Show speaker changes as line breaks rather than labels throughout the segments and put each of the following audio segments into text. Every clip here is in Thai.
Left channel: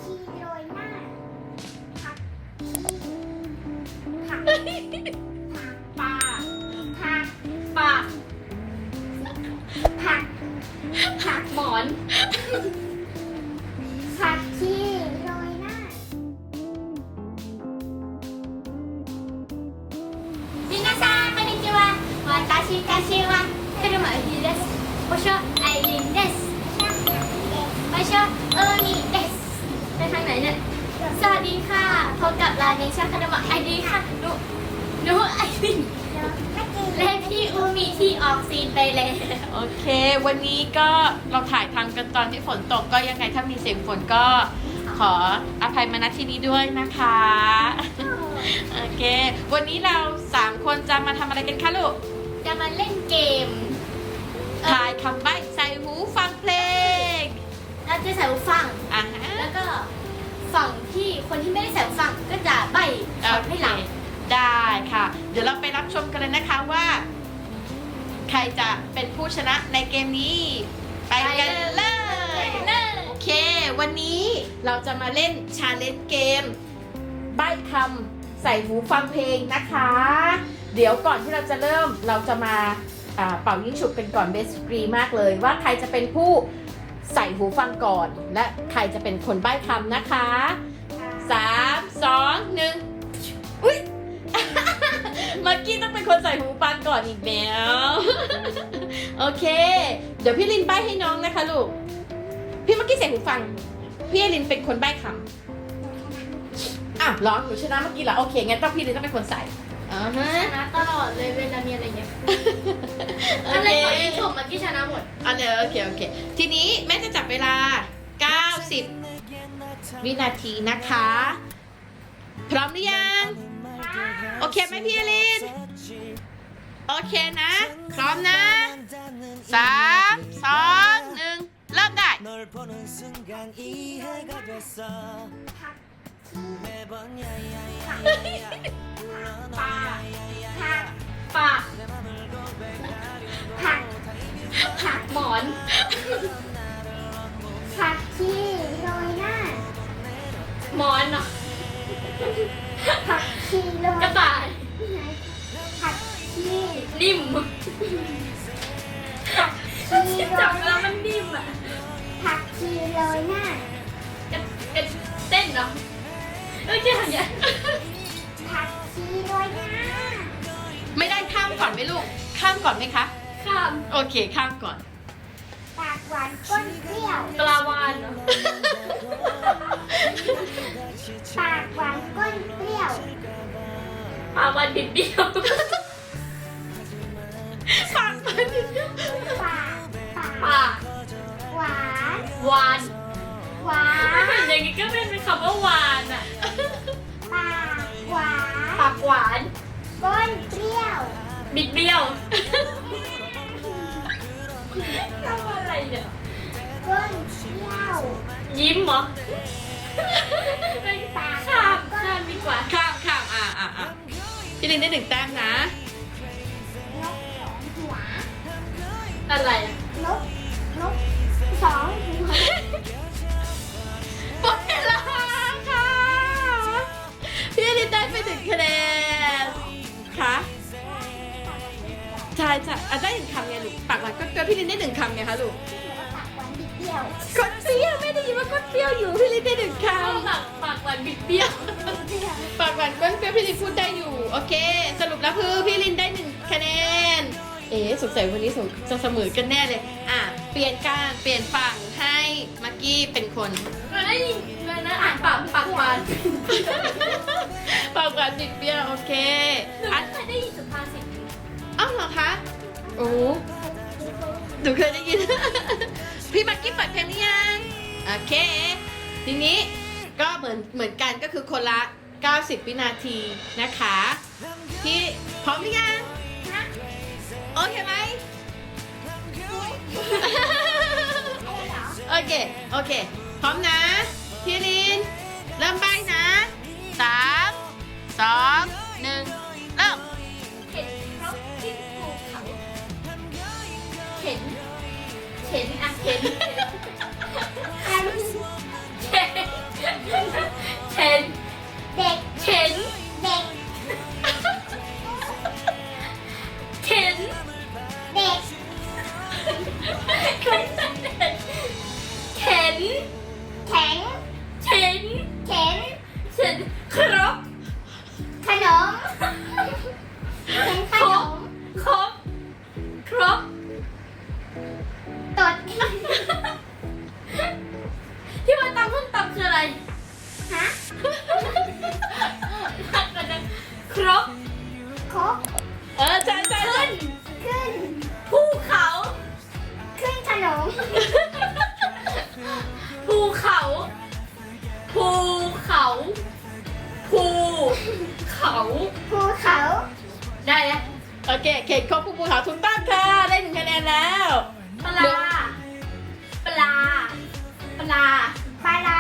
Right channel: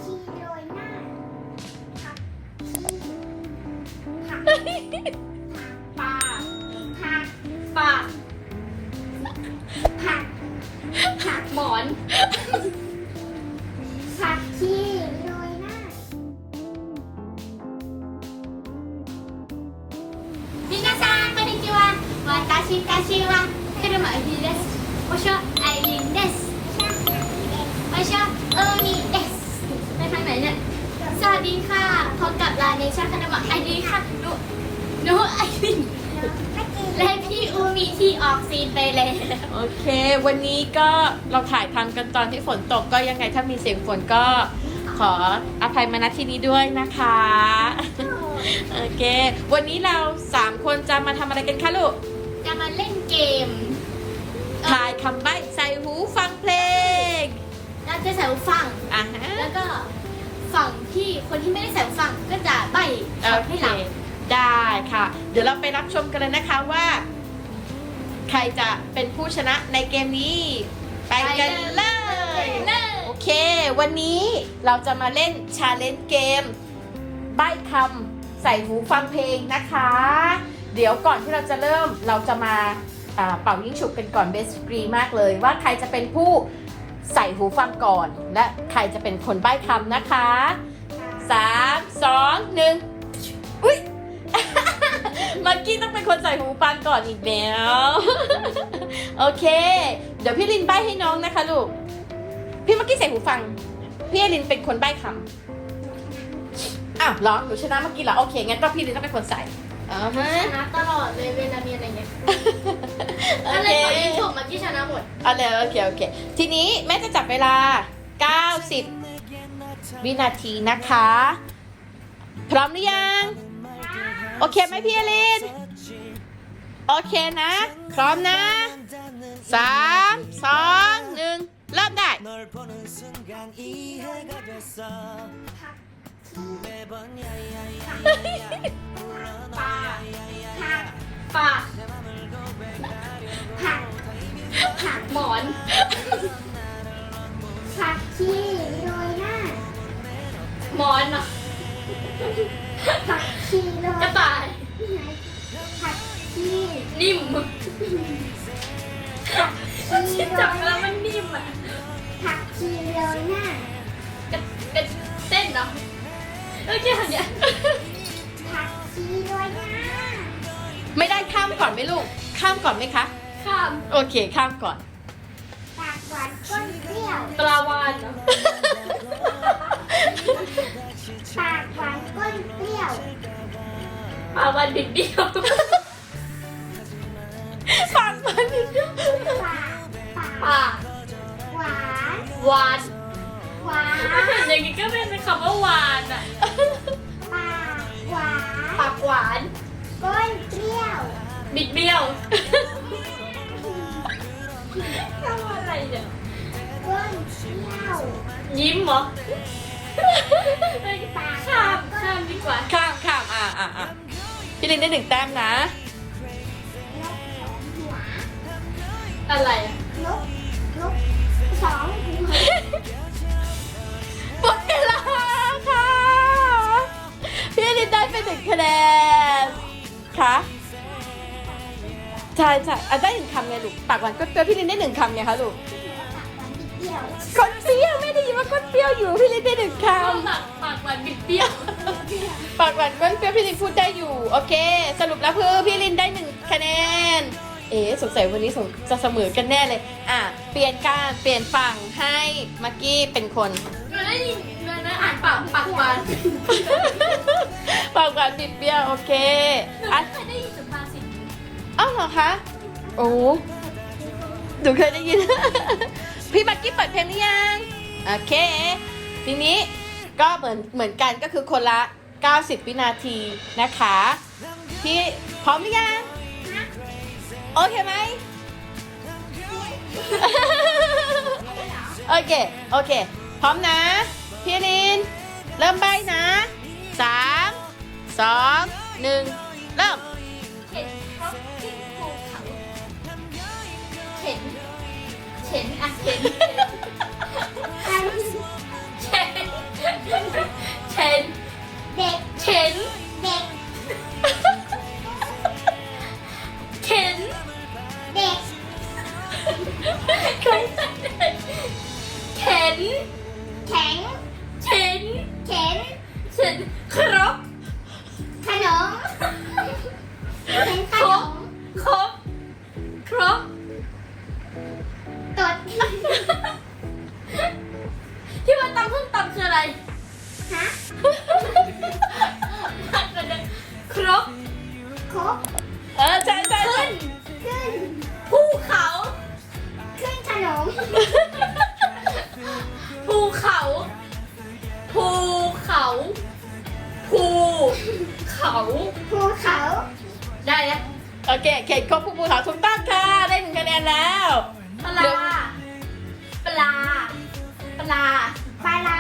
ชีโรยหน้าผักชีผักปลาผักปลาผัก
หมอน
ผักชีโรยหน้า
皆さんこんにちは私たちは車ひです場所アイリンです場所海ですไปทางไหนเนี่ยสวัสดีค่ะพบกับร้านในช่างขนมไอดีค่ะหนูไอรินและพี่อูมีที่ออกซีนไปแล้ว
โอเค วันนี้ก็เราถ่ายทำกันตอนที่ฝนตกก็ยังไงถ้ามีเสียงฝนก็ขออภัยมาณที่นี้ด้วยนะคะ โอเค วันนี้เรา3คนจะมาทำอะไรกันคะลูก
จะมาเล่นเกม
ทายคำใบ้ใส่หูฟังเพลง
เราจะใส่หูฟัง
อ่ะฮะ
แล้วก็ฝั่งที่คนที่ไม่ได้ใส่หูฟังก็จะใบ้
โอ
คำ
เค
ให้เรา
ได้ค่ะ เดี๋ยวเราไปรับชมกันเลยนะคะว่า ใครจะเป็นผู้ชนะในเกมนี้ ไปกันเลย โอเค วันนี้เราจะมาเล่นชาเลนจ์เกมใบ้คำใส่หูฟังเพลงนะคะ เดี๋ยวก่อนที่เราจะเริ่มเราจะมาเป่ายิ่งฉุบกันก่อนเบสกรีมากเลยว่าใครจะเป็นผู้ใส่หูฟังก่อน และใครจะเป็นคนใบ้คำนะคะ3 2 1อุ๊ย มักกี้ต้องเป็นคนใส่หูฟังก่อนอีกแล้ว โอเค เดี๋ยวพี่ลินใบ้ให้น้องนะคะลูก พี่มักกี้ใส่หูฟัง พี่ลินเป็นคนใบ้คำอ้าวเหรอหนูชนะเมื่อกี้เหรอโอเคงั้นต้องพี่ลินต้องเป็นคนใส่อ่าฮะ
ชนะตลอดเลยเวลามีอะไรเงี้ย
โอ
ก็เล
เค
ยขอยิงฉุบเมื่อกี้ชนะหมด
เอาเลยโอเคโอเค ทีนี้แม่จะจับเวลา 90 วินาทีนะคะ พร้อมหรือยัง โอเคไหมพี่ลิน โอเคนะ พร้อมนะ 3 2 1 เริ่มได้
ผักปลาผักผัก
หมอน
ผักชีโรยหน้า
หมอนเนาะ
ผักชีโรย
กระต่าย
ผักชี
นิ่ม
ผักชีโร
จับ
ยห
แล้
น้าว
มันนิ่มอ่ะ
ผักชีโรยหน้า
เป็นเส้นเนาะเอ้ยแค่ทำอย่าง
ผักชีโรยหน้า
ไม่ได้ข้ามก่อนไหมลูก ข้ามก่อนไหมคะ
ข้าม
โอเค ข้ามก่อน
ปากหวานก้นเปรี้ยว
ปลาวานเนาะ
ปากหวานก้นเปรี้ยว
ปลาวานบิดเบี้ยว
ปากมัน
ปากปาก
ปาก
หวาน
วาน
หวาน
อย่างงี้ก็เป็นคำว่าวานอ่ะ
ปากหวาน
ปากหวาน
ก้นเปรี้ยว
บิดเบี้ยวทำอะไรเนี่ย
ก้นเปรี้ยว
ยิ้มเหรอ
ปาก
ข้ามข้ามดีกว่า
ข้ามพี่ลินได้1 แต้มนะ
นกสองหัว
อะไรอะ
นกสองหัว
หมดเวลาค่ะ พี่ลินได้ไป1 คะแนนค่ะใช่ได้1 คำไงลูก ปากหวานก็เจอพี่ลินได้1 คำไงคะลูก
ปากหวานบิดเปรี้ยว
คนเปรี้ยวไม่ได้ยินว่าคนเปรี้ยวอยู่พี่ลินได้1 คำ
ปากหวานบิดเบี้ยว
ปากหวานก้นเปรี้ยวพี่ลินพูดได้อยู่ โอเค สรุปแล้วคือพี่ลินได้1 คะแนน สงสัยวันนี้จะเสมอกันแน่เลย เปลี่ยนฝั่งให้มักกี้เป็นคน
มันได้ยินมันอ่านปากหวาน
ปากหวานติดเปรี้ยวโอเค
หนู
อัน
ไม่เคยได้ยินสุภาษิต
อ้าวเหรอคะ โอ้หนูเคยได้ยิน พี่มักกี้เปิดเพลงหรือยังโอเค ทีนี้ก็เหมือนกันก็คือคนละ 90 วินาทีนะคะ พี่พร้อมหรือยัง โอเคไหม โอเค พร้อมนะ พี่ลิน เริ่มใบนะ 3 2 1 เริ่ม
เห็นเห็นอ่ะเห็น
แอม
เห็นบคืออะไร
ฮะ
ครบ
ครบ
ใช่ใช่
ขึ้น
ขึ้น
ภูเขา
ขึ้นขนม
ภูเขาภูเขาภูเขา
ภูเขา
ได้นะ
โอเคเขตครบภูเขาถูกต้องค่ะได้1 คะแนนแล้ว
ปลาปลาปลา
ปลาร้า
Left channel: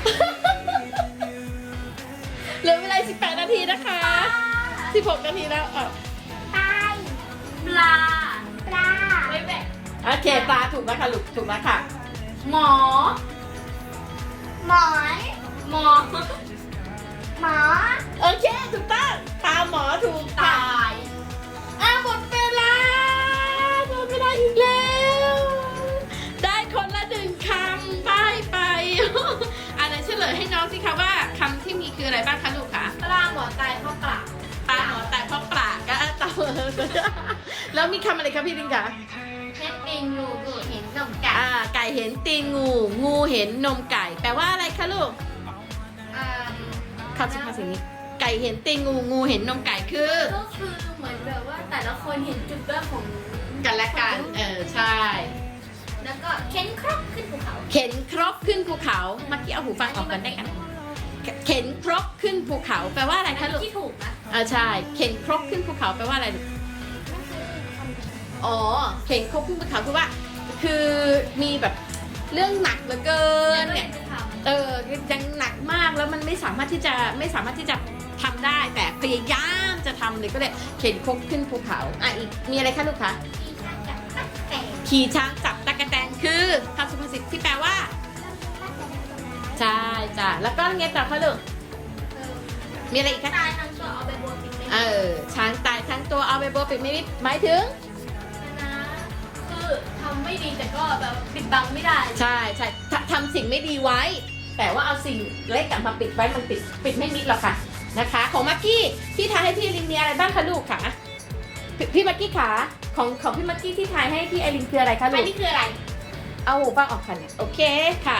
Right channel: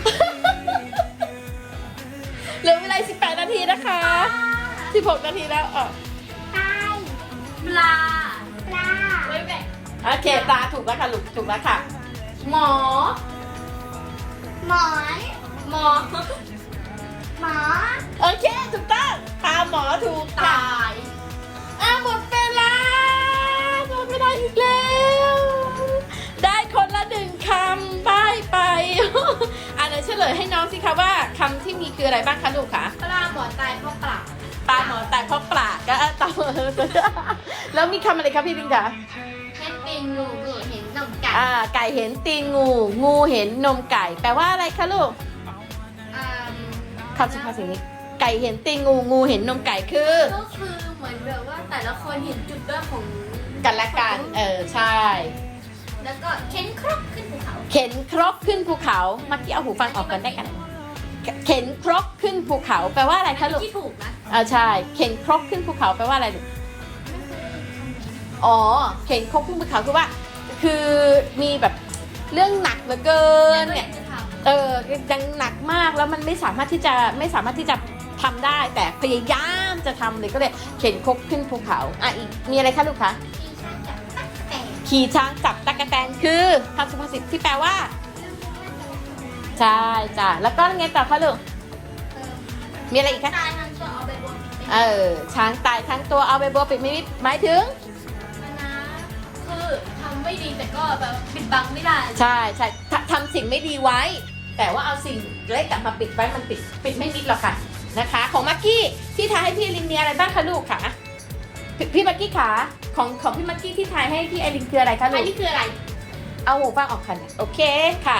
เหลือเวลา18 นาทีนะคะ16 นาทีแล้วอ่ะ
ไป
ปลา
ปลา
ไว้แบะ
โอเคตาถูกแล้วค่ะลูกถูกแล้วค่ะ
หมอ
หมอน
หมอ
หมอ
โอเคถูกต้องตามหมอถูก
ต
ค่ะ
าย
หมดเวลาหมดเวลาอีกแล้วได้คนละ1 คำป้ายไป อ่ะเดี๋ยวเฉลยให้น้องสิคะว่าคำที่มีคืออะไรบ้างคะลูกคะ
ปลาหมอตายเพราะปลา
ปลาหมอแต่ท้องปลาก็ต่อแล้วมีคำอะไรครับพี่ลิงคะ
แค่ติงงูดูเห็นนมไก่
ไก่เห็นตีนงู งูเห็นนมไก่ แปลว่าอะไรคะลูกคำสุภาษิตไก่เห็นตีนงู งูเห็นนมไก่คือ
ก็คือเหมือนแบบว่าแต่ละคนเห็นจุดด้อยของ
กันและกัน ใช่
แล้วก็เข็นครกขึ้นภูเขา
เข็นครกขึ้นภูเขาเมื่อกี้เอาหูฟังออกกันได้กันเข็นครกขึ้นภูเขา แปลว่าอะไรคะลูก
ที่ถูกนะ
ใช่ เข็นครกขึ้นภูเขาแปลว่าอะไรลูกอ๋อ เข็นครกขึ้นภูเขาคือว่า คือมีแบบเรื่องหนักเหลือเกินเนี่ย ยังหนักมากแล้วมันไม่สามารถที่จะทำได้ แต่พยายามจะทำเลยก็เลยเข็นครกขึ้นภูเขาอีกมีอะไรคะลูกคะ
แต่
ขี่ช้างจับตะกแตนคือคำสุภาษิตที่แปลว่า ใช่จ้ะแล้วก็ไงต่อคะลูกมีอะไรอีกคะ
ตายทั้งตัวเอาไปบวกปิดไป
ช้างตายทั้งตัวเอาไปบัวปิดไม่มิดหมายถึง
นะคือทำไม่ดีแต่ก็แบบปิดบังไม่ได้
ใช่ทำสิ่งไม่ดีไว้ แต่ว่าเอาสิ่งเล็กมาปิดไว้มันปิดไม่มิดหรอกค่ะนะคะ ของมักกี้ที่ทายให้พี่ลินมีอะไรบ้างคะลูกคะพี่มักกี้ขาของพี่มักกี้ที่ทายให้พี่ไอรินคืออะไรคะลู
อัน
ก
นี้คืออะไร
เอาหูฟังออกค่ะโอเคค่ะ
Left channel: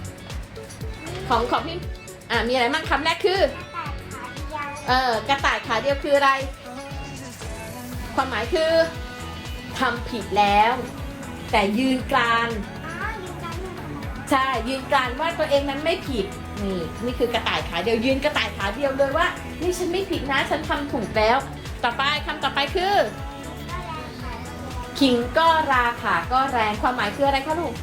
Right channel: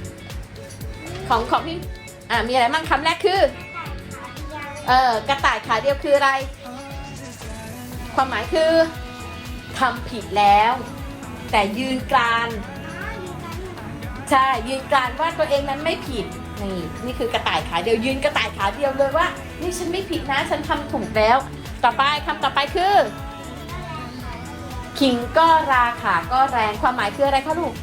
ของพี่มีอะไรบ้างคำแรกคือ
กระต่ายขาเดียว
กระต่ายขาเดียวคืออะไร ความหมายคือทำผิดแล้ว แต่ยืนกราน
ยืนกัน
ใช่ยืนกรานว่าตัวเองมันไม่ผิดนี่คือกระต่ายขาเดียวยืนกระต่ายขาเดียวเลยว่านี่ฉันไม่ผิดนะฉันทำถูกแล้ว ต่อไปคำต่อไปคือขิงก็ราขาก็แรงความหมายคืออะไรคะลูก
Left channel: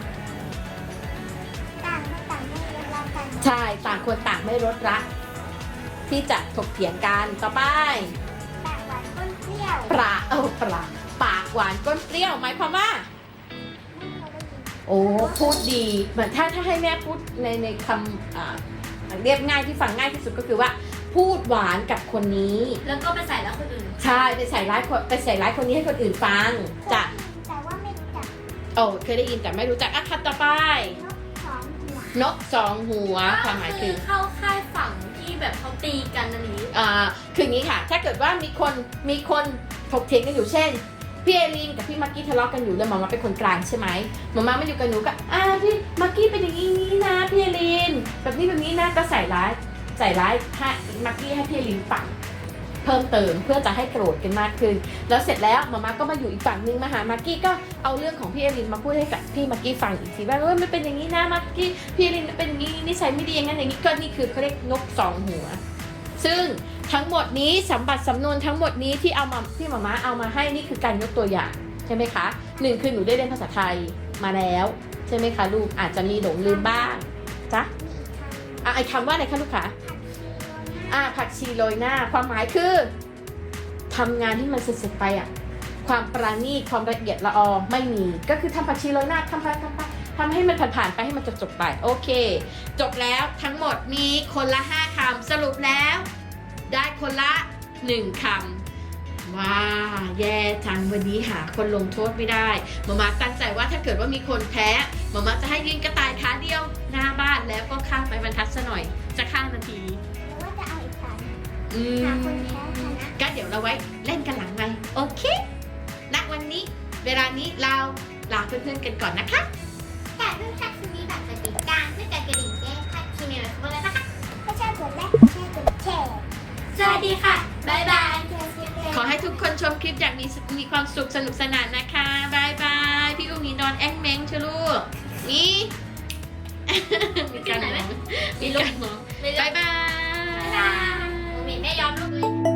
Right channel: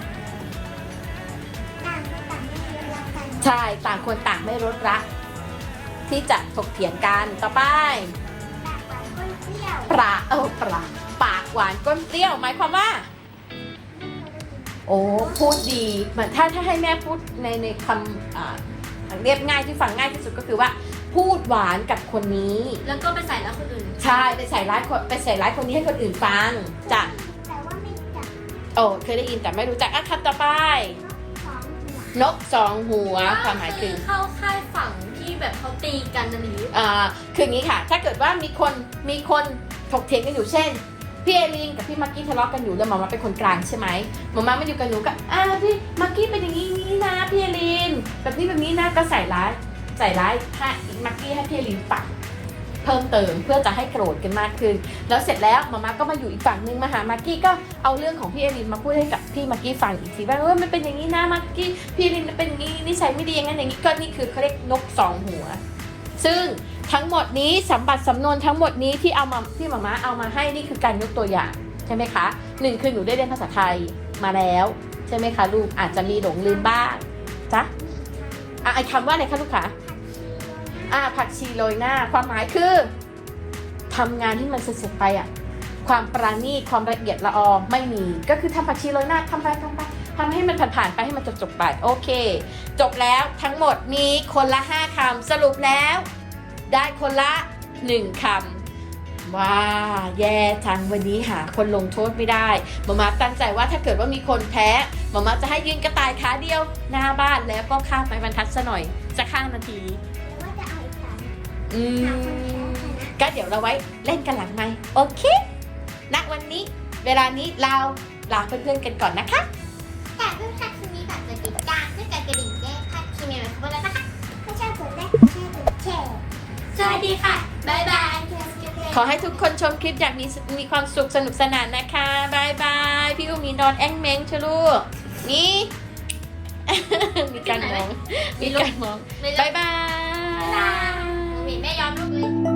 ต่างคนต่างไม่รู้รักกัน
ใช่ต่างคนต่างไม่ลดรักที่จะถกเถียงกันต่อไป
ปากหวานก้นเปรี้ยว
ปลาปากหวานก้นเปรี้ยวหมายความว่า โอ้พูดดีเหมือนถ้าให้แม่พูดในคำเรียบง่ายที่ฟังง่ายที่สุดก็คือว่า พูดหวานกับคนนี้
แล้วก็ไปใส่แล้วคนอื่น
ใช่ไปใส่ร้ายคนนี้ให้คนอื่นฟังจะ
แต่ว่าไม่รู้จัก
โอ้เคยได้ยินแต่ไม่รู้จักคำต่อไป
นกสองหัว
นกสองหัวความหมายคือ
เข้าค่ายฝั่งที่แบบเขาตีกันนะหมี
คืออย่างนี้ค่ะ ถ้าเกิดว่ามีคนถกเถียงกันอยู่เช่นพี่เอลินกับพี่มักกี้ทะเลาะกันอยู่แล้วมาม่าเป็นคนกลางใช่ไหมมาม่าไม่อยู่กับหนูก็พี่มักกี้เป็นอย่างนี้นะพี่เอลินแบบนี้แบบนี้นะก็ใส่ร้ายให้มักกี้ให้พี่เอลินฟังเพิ่มเติมเพื่อจะให้โกรธกันมากขึ้นแล้วเสร็จแล้วมาม่าก็มาอยู่อีกฝั่งนึงมาหามักกี้ก็เอาเรื่องของพี่เอลินมาพูดให้กับพี่มักกี้ฟังอีกทีว่ามันเป็นอย่างนี้นะมักกี้พี่เอลินมันเป็นอย่างนี้นิสัยไม่ดีอย่างนั้นอย่างนี้ก็นี่คือเขาเรียกนกสองหัวซึ่งทั้งหมดนี้สัมบัติสำนวนทั้งหมดนี้ที่เอามาที่หม่าเอามาให้นี่คือการยกตัวอย่างใช่ไหมคะหนึ่งคือหนูได้เรียนภาษาไทยมาแล้วใช่ไหมคะลูกอาจจะมีหลงลืมบ้างจ้ะไอคำว่าอะไรคะลูกคะผักชีโรยหน้าความหมายคือทำงานที่มันสุดๆไปความประณีตความละเอียดละออไม่มีก็คือทำผักชีโรยหน้าทำให้มันผ่านๆไปให้มันจบๆไปโอเคจบแล้วทั้งหมดมีคนละ5 คำสรุปแล้วได้คนละ1 คำว้าแย่จังวันนี้หาคนลงโทษไม่ได้มาม่าตั้งใจว่าถ้าเกิดว่ามีคนแพ้มาม่าจะให้ยืนกระต่ายขาเดียวหน้าบ้านแล้วก็ข้ามไปบรรทัดซะหน่อยจะข้ามนาทีนี้
แล้วก็จะเอาอีกฝั่งหาคนแพ้คนนะ
ก็เดี๋ยวเราไว้เล่นกันหลังไหมค์โอเคณวันนี้เวลานี้เราลาเพื่อนๆกันก่อนนะคะ
แต่เรื่องการคืนนี้แบบจะติดตามเพื่อจะกระดิ่งแจ้ง
ขอให้ทุกคนชมคลิปอย่างมีความสุขสนุกสนานนะคะบายบายพี่ลูกมีนอนแอ้งเม้งชะลูกนี่ มีการมองมีการมองบายบาย
มีแม่ยอมลูกเลย